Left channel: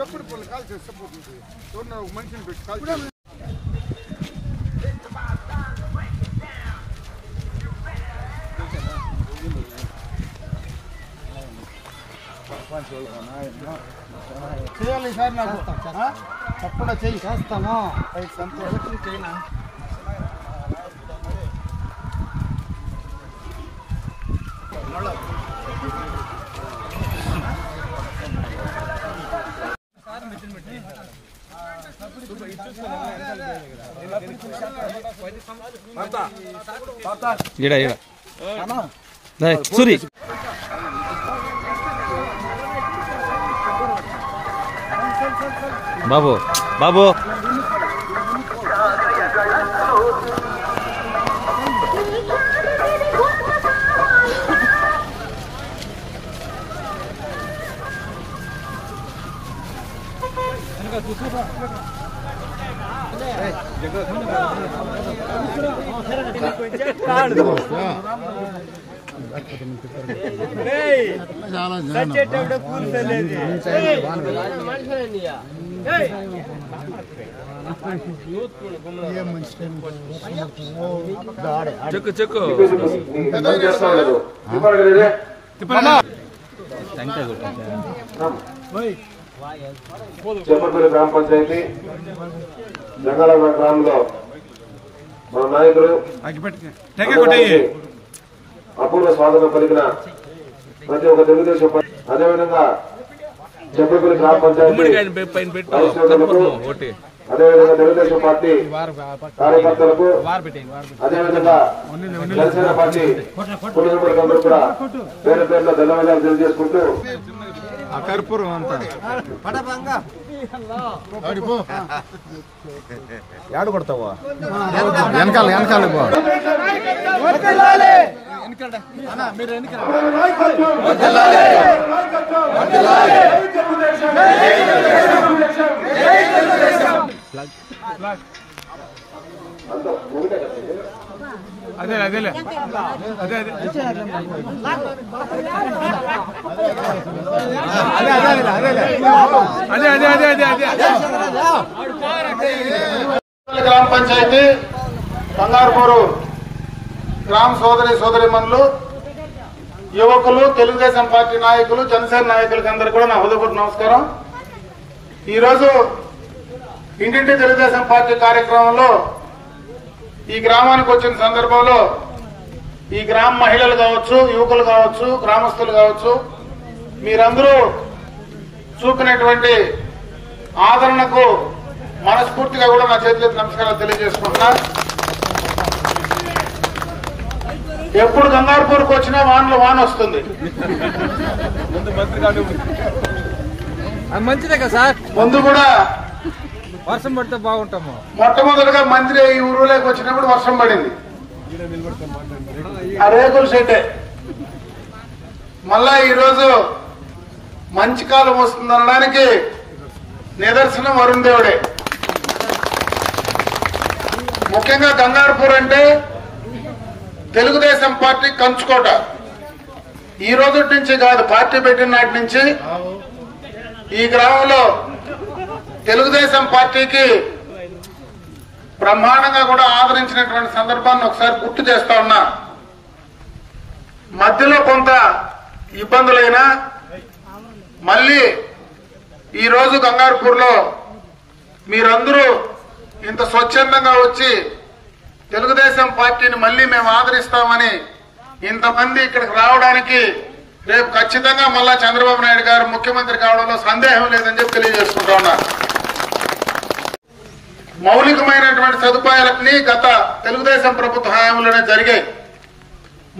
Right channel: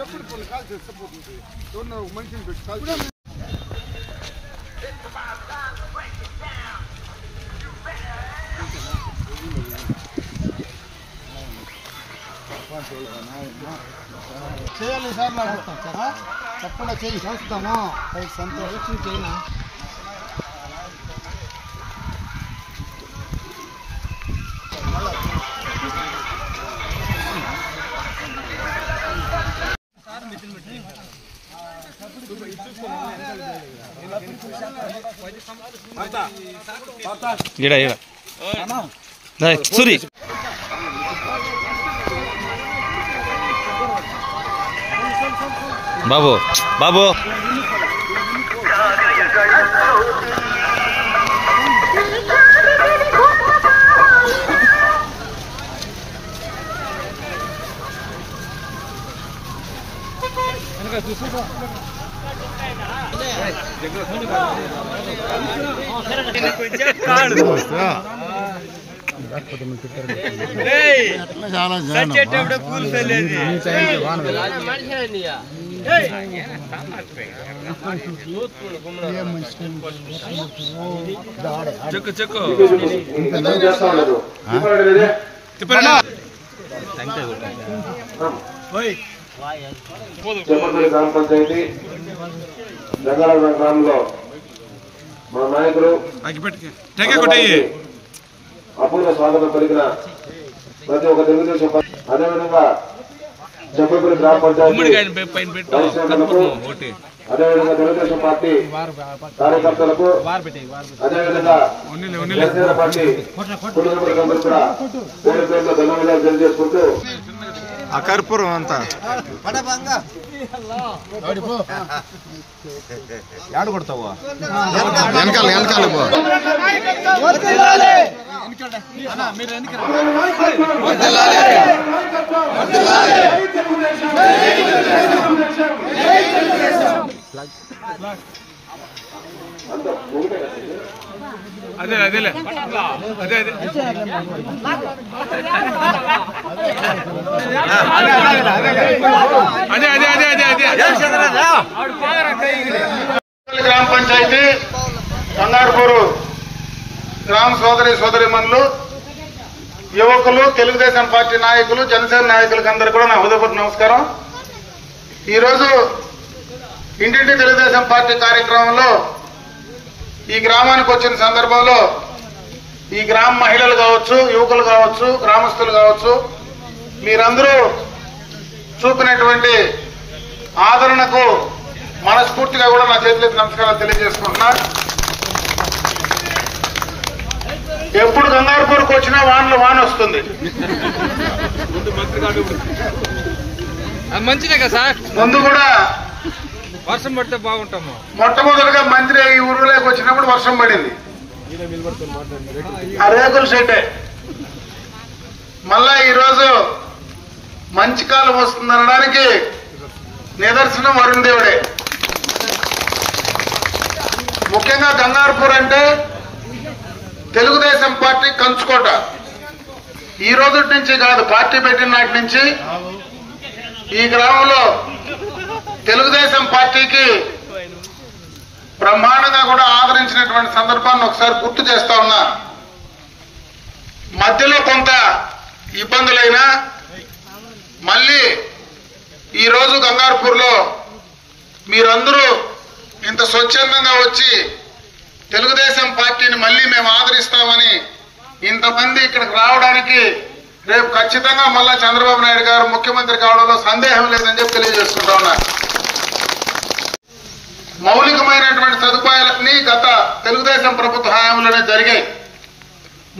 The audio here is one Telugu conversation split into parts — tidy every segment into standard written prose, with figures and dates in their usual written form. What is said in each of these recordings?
ఎప్పుడు పళ్ళు కాల్ చేసిపోతుంది మనిషిని పెట్టి కాల్ చేయాలి సార్ నాకు తప్పకుండా చేయి చేస్తాము సంతోషం చేయనా సూరి బాబు బాబు పూలు ఫెల్లేది చెక్కు చెక్కు చెప్పపల్లి గ్రామ పంచాయతీ రంగారావు గ్రామంలో మన నాయకులు అపూర్వ స్వాగతం పలికిన ప్రతి ఒక్క తెలుగుదేశం అదేవిధంగా చెప్పపల్లి గ్రామ పంచాయతీ అదేవిధంగా తెలుగుదేశం పార్టీ కార్యకర్తలకు అదేవిధంగా జనసేన పార్టీ కుటుంబీకులందరూ కూడా పేరు పేరులో ధన్యవాదాలు తెలియజేసుకుంటూ ఆ కర్పూరం అంతా యాడు కొడతావా వెనకాల వెనకాల అదే అదేలే అదే అదే గ్రామ పంచాయతీ కంగారుపూరు గ్రామ సోదరీమణులు యువకులు తెలుగుదేశం పార్టీ నాయకులు జనసేన నాయకులకు అందరూ కూడా నా హృదయపూర్వక నమస్కారం. ఈరోజు ఇంటింటి తెలుగుదేశం పార్టీ కార్యక్రమంలో ఈ గ్రామానికి వచ్చిన సందర్భంలో ఈ గ్రామ మహిళలు కావచ్చు, యువకులు కావచ్చు, గ్రామస్తులు కావచ్చు, మీరందరూ చూపినటువంటి ఆదరణకు మనస్ఫూర్తిగా కూడా నా చేతులెత్తి నమస్కారాలు తెలియజేసుకుంటున్నా. ఎప్పుడు గంగారపూర్కి వచ్చినా వాన వస్తుంది. మంచిదే కదా సార్. ముందు కూడా వర్షం పడితే బాగుంటాము. మొట్టమొదటిగా మంత్రి ఈ ఊరిలోకి వచ్చినప్పుడు వర్షం పడింది, ఆ రేకుల షెడ్డే. మళ్ళా ఈరోజు మంచి కాలం వస్తుందనడానికి నిదర్శనం వరుణ్ దేవుడే. ముఖ్యంగా గంగారపూర్ అంటే తెలుగుదేశం పార్టీ కంచుకోట. ఈ రోజు నుంచి కాదు, పార్టీ పెట్టిన నాటి నుంచి ఈ గ్రామంలో తెలుగుదేశం పార్టీకి బ్రహ్మాండంగా కూడా ఆదరించినటువంటి సందర్భాన్ని ఒకసారి గుర్తు చేస్తా ఉన్నా. మధ్యలో కొంత ఇబ్బందులైనా మళ్ళీ ఈరోజు గంగారపూర్లో మీరందరూ ఇంత స్వచ్ఛందంగా వచ్చి తెలుగుదేశం పార్టీని మళ్ళీ మేము ఆదరిస్తామని ఇంతమంది ఇక్కడికి రావడానికి రేపు ఖచ్చితంగా మళ్ళా చంద్రబాబు నాయుడు గారు ముఖ్యమంత్రి కావడంలో సందేహం లేదని చెప్పి తెలియజేసుకుంటా ఉన్నా. మౌలికమైనటువంటి సదుపాయాలన్నీ గత తెలుగుదేశం ప్రభుత్వ హయాంలోనే జరిగాయి.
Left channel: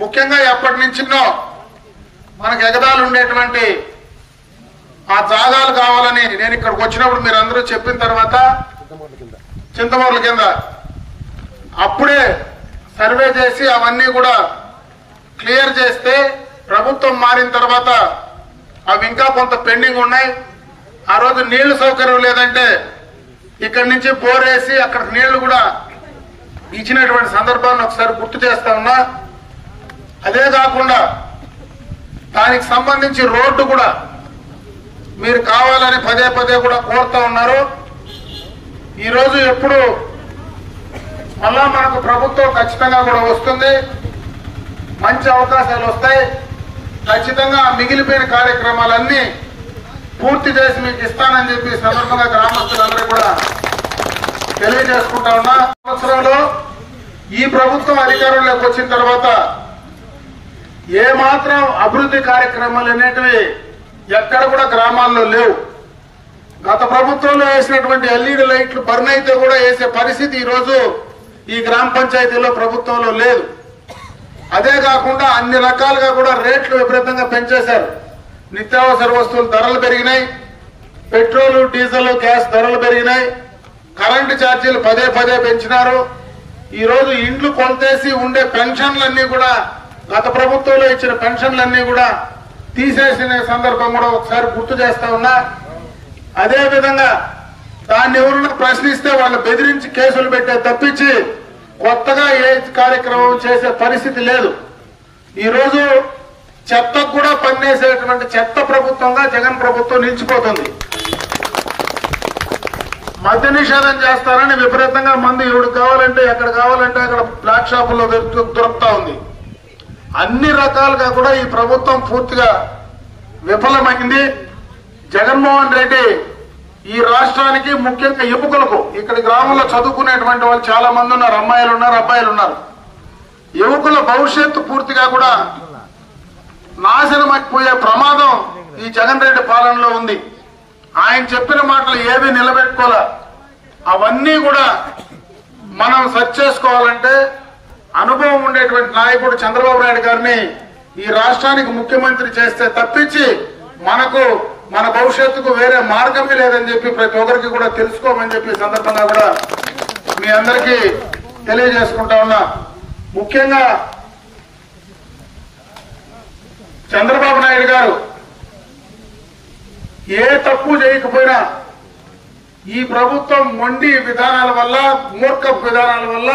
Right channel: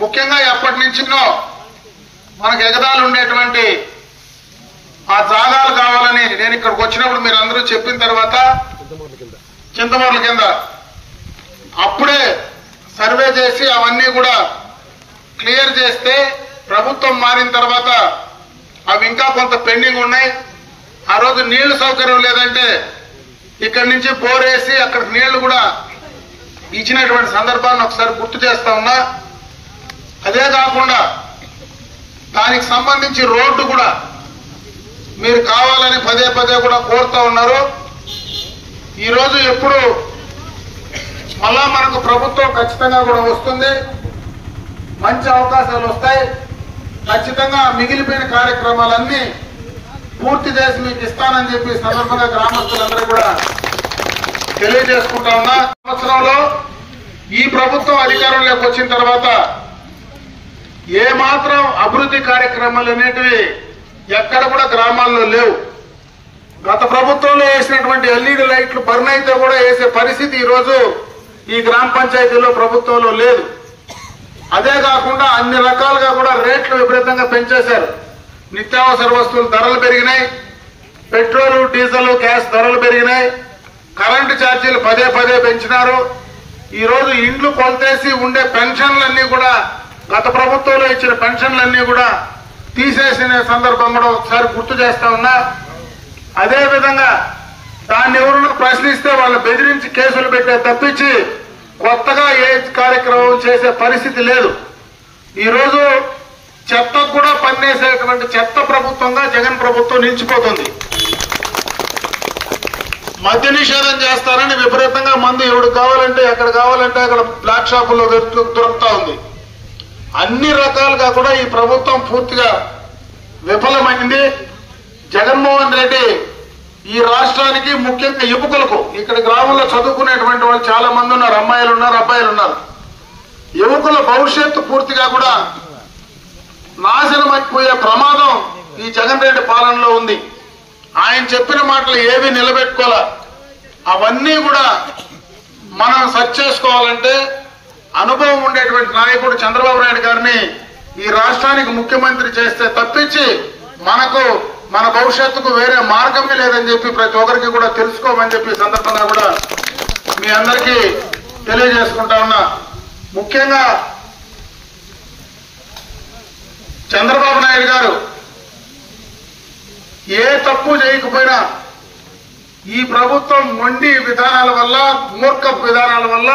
ముఖ్యంగా ఎప్పటి నుంచినో మనకు ఎగదాలు ఉండేటువంటి ఆ జాగాలు కావాలని నేను ఇక్కడికి వచ్చినప్పుడు మీరు అందరూ చెప్పిన తర్వాత చింతమూర్ల కింద అప్పుడే సర్వే చేసి అవన్నీ కూడా క్లియర్ చేస్తే ప్రభుత్వం మారిన తర్వాత అవి ఇంకా కొంత పెండింగ్ ఉన్నాయి. ఆ రోజు నీళ్లు సౌకర్యం లేదంటే ఇక్కడి నుంచి బోరేసి అక్కడ నీళ్లు కూడా ఇచ్చినటువంటి సందర్భాన్ని ఒకసారి గుర్తు చేస్తా ఉన్నా. అదే కాకుండా దానికి సంబంధించి రోడ్డు కూడా మీరు కావాలని పదే పదే కూడా కోరుతూ ఉన్నారు. ఈరోజు ఎప్పుడు మళ్ళా మనకు ప్రభుత్వం ఖచ్చితంగా కూడా వస్తుంది, మంచి అవకాశాలు వస్తాయి. ఖచ్చితంగా మిగిలిపోయిన కార్యక్రమాలన్నీ పూర్తి చేసి మీకు ఇస్తానని చెప్పి సందర్భంగా గ్రామస్తులందరూ కూడా తెలియజేసుకుంటా ఉన్నా. సంవత్సరంలో ఈ ప్రభుత్వం అధికారంలోకి వచ్చిన తర్వాత ఏమాత్రం అభివృద్ధి కార్యక్రమాలు అనేటివి ఎక్కడ కూడా గ్రామాల్లో లేవు. గత ప్రభుత్వంలో వేసినటువంటి ఎల్ఈడి లైట్లు బర్న్ అయితే కూడా వేసే పరిస్థితి ఈరోజు ఈ గ్రామ పంచాయతీలో ప్రభుత్వంలో లేదు. అదే కాకుండా అన్ని రకాలుగా కూడా రేట్లు విపరీతంగా పెంచేశారు. నిత్యావసర వస్తువుల ధరలు పెరిగినాయి, పెట్రోలు డీజిల్ గ్యాస్ ధరలు పెరిగినాయి, కరెంటు ఛార్జీలు పదే పదే పెంచినారు. ఈ రోజు ఇండ్లు కొలతేసి ఉండే పెన్షన్లన్నీ కూడా గత ప్రభుత్వంలో ఇచ్చిన పెన్షన్లన్నీ కూడా తీసేసిన సందర్భం కూడా ఒకసారి గుర్తు చేస్తా ఉన్నా. అదే విధంగా దాన్ని ఎవరన్నా ప్రశ్నిస్తే వాళ్ళు బెదిరించి కేసులు పెట్టే తప్పించి కొత్తగా ఏ కార్యక్రమం చేసే పరిస్థితి లేదు. ఈరోజు చెత్తకు కూడా పనిచేసేటువంటి చెత్త ప్రభుత్వంగా జగన్ ప్రభుత్వం నిలిచిపోతుంది. మద్య నిషేధం చేస్తారని విపరీతంగా మంది ఎవడు కావాలంటే ఎక్కడ కావాలంటే అక్కడ బ్లాక్ షాపుల్లో దొరుకుతా ఉంది. అన్ని రకాలుగా కూడా ఈ ప్రభుత్వం పూర్తిగా విఫలమైంది. జగన్మోహన్ రెడ్డి ఈ రాష్ట్రానికి ముఖ్యంగా యువకులకు, ఇక్కడ గ్రామంలో చదువుకునేటువంటి వాళ్ళు చాలా మంది ఉన్నారు, అమ్మాయిలు ఉన్నారు, అబ్బాయిలు ఉన్నారు. యువకుల భవిష్యత్తు పూర్తిగా కూడా నాశనం అయిపోయే ప్రమాదం ఈ జగన్ రెడ్డి పాలనలో ఉంది. ఆయన చెప్పిన మాటలు ఏవి నిలబెట్టుకోలే. అవన్నీ కూడా మనం సర్చ్ చేసుకోవాలంటే అనుభవం ఉండేటువంటి నాయకుడు చంద్రబాబు నాయుడు గారిని ఈ రాష్ట్రానికి ముఖ్యమంత్రి చేస్తే తప్పించి మనకు మన భవిష్యత్తుకు వేరే మార్గమే లేదని చెప్పి ప్రతి ఒక్కరికి కూడా తెలుసుకోమని చెప్పి సందర్భంగా కూడా మీ అందరికీ తెలియజేసుకుంటా ఉన్నా. ముఖ్యంగా చంద్రబాబు నాయుడు గారు ఏ తప్పు చేయకపోయినా ఈ ప్రభుత్వం మొండి విధానాల వల్ల, మూర్ఖ విధానాల వల్ల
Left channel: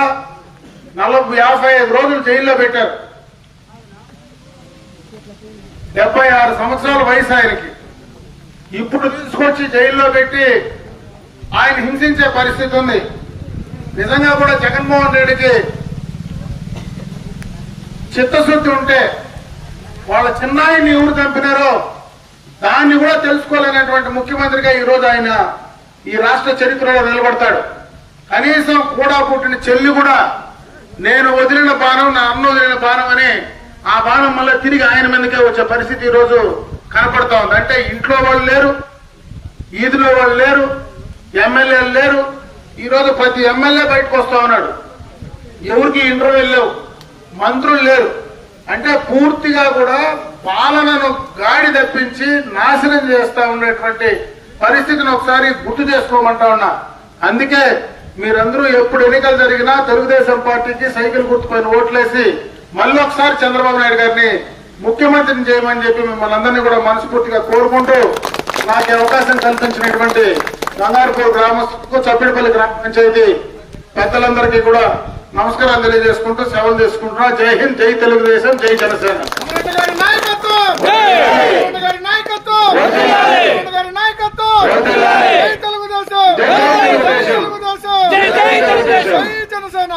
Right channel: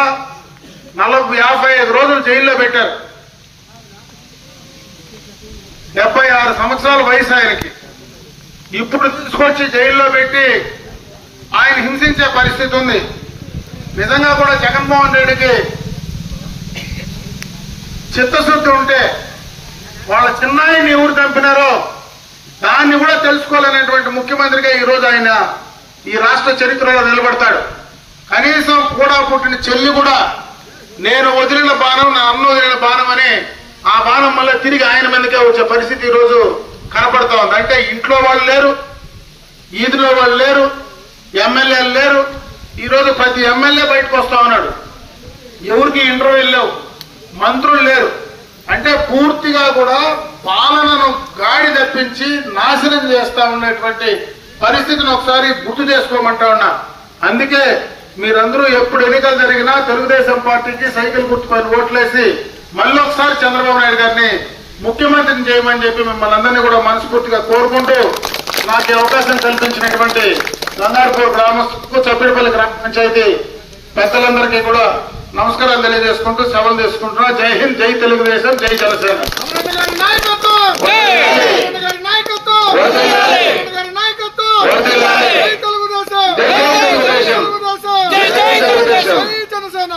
55 రోజులు జైల్లో పెట్టారు. 76 సంవత్సరాల వయసు ఆయనకి. ఇప్పుడు తీసుకొచ్చి జైల్లో పెట్టి ఆయన హింసించే పరిస్థితి ఉంది. నిజంగా కూడా జగన్మోహన్ రెడ్డికి చిత్తశుద్ధి ఉంటే వాళ్ళ చిన్నాయిని ఎవరు చంపినారో దాన్ని కూడా తెలుసుకోవాలనేటువంటి ముఖ్యమంత్రిగా ఈరోజు ఆయన ఈ రాష్ట్ర చరిత్రలో నిలబడతాడు. కనీసం కూడా పుట్టిన చెల్లి కూడా నేను వదిలిన బాణం నా అన్న వదిలిన బాణం అని ఆ బాణం మళ్ళీ తిరిగి ఆయన మీదకే వచ్చే పరిస్థితి ఈరోజు కనపడతా ఉంది. అంటే ఇంట్లో వాళ్ళు లేరు, ఈదులో వాళ్ళు లేరు, ఎమ్మెల్యేలు లేరు. ఈరోజు ప్రతి ఎమ్మెల్యే బయటకు వస్తా ఉన్నాడు. ఎవరికి ఇంటర్వ్యూలు లేవు, మంత్రులు లేరు. అంటే పూర్తిగా కూడా పాలనను గాడి తప్పించి నాశనం చేస్తా ఉన్నటువంటి పరిస్థితిని ఒకసారి గుర్తు చేసుకోమంటా ఉన్నా. అందుకే మీరందరూ ఎప్పుడు ఎన్నికలు జరిగినా తెలుగుదేశం పార్టీకి సైకిల్ గుర్తుకొని ఓట్లేసి మళ్ళీ ఒకసారి చంద్రబాబు నాయుడు గారిని ముఖ్యమంత్రిని చేయమని చెప్పి మిమ్మల్ని అందరినీ కూడా మనస్ఫూర్తిగా కోరుకుంటూ నాకు అవకాశం కల్పించినటువంటి గంగారపూర్ గ్రామస్తులకు, చప్పిడిపల్లి గ్రామ పంచాయతీ పెద్దలందరికీ కూడా నమస్కారాలు తెలియజేసుకుంటూ సెలవు తీసుకుంటున్నా. జై హింద్, జై తెలుగుదేశం, జై జనసేన. జై తెలుగుదేశం, జై జనసేన.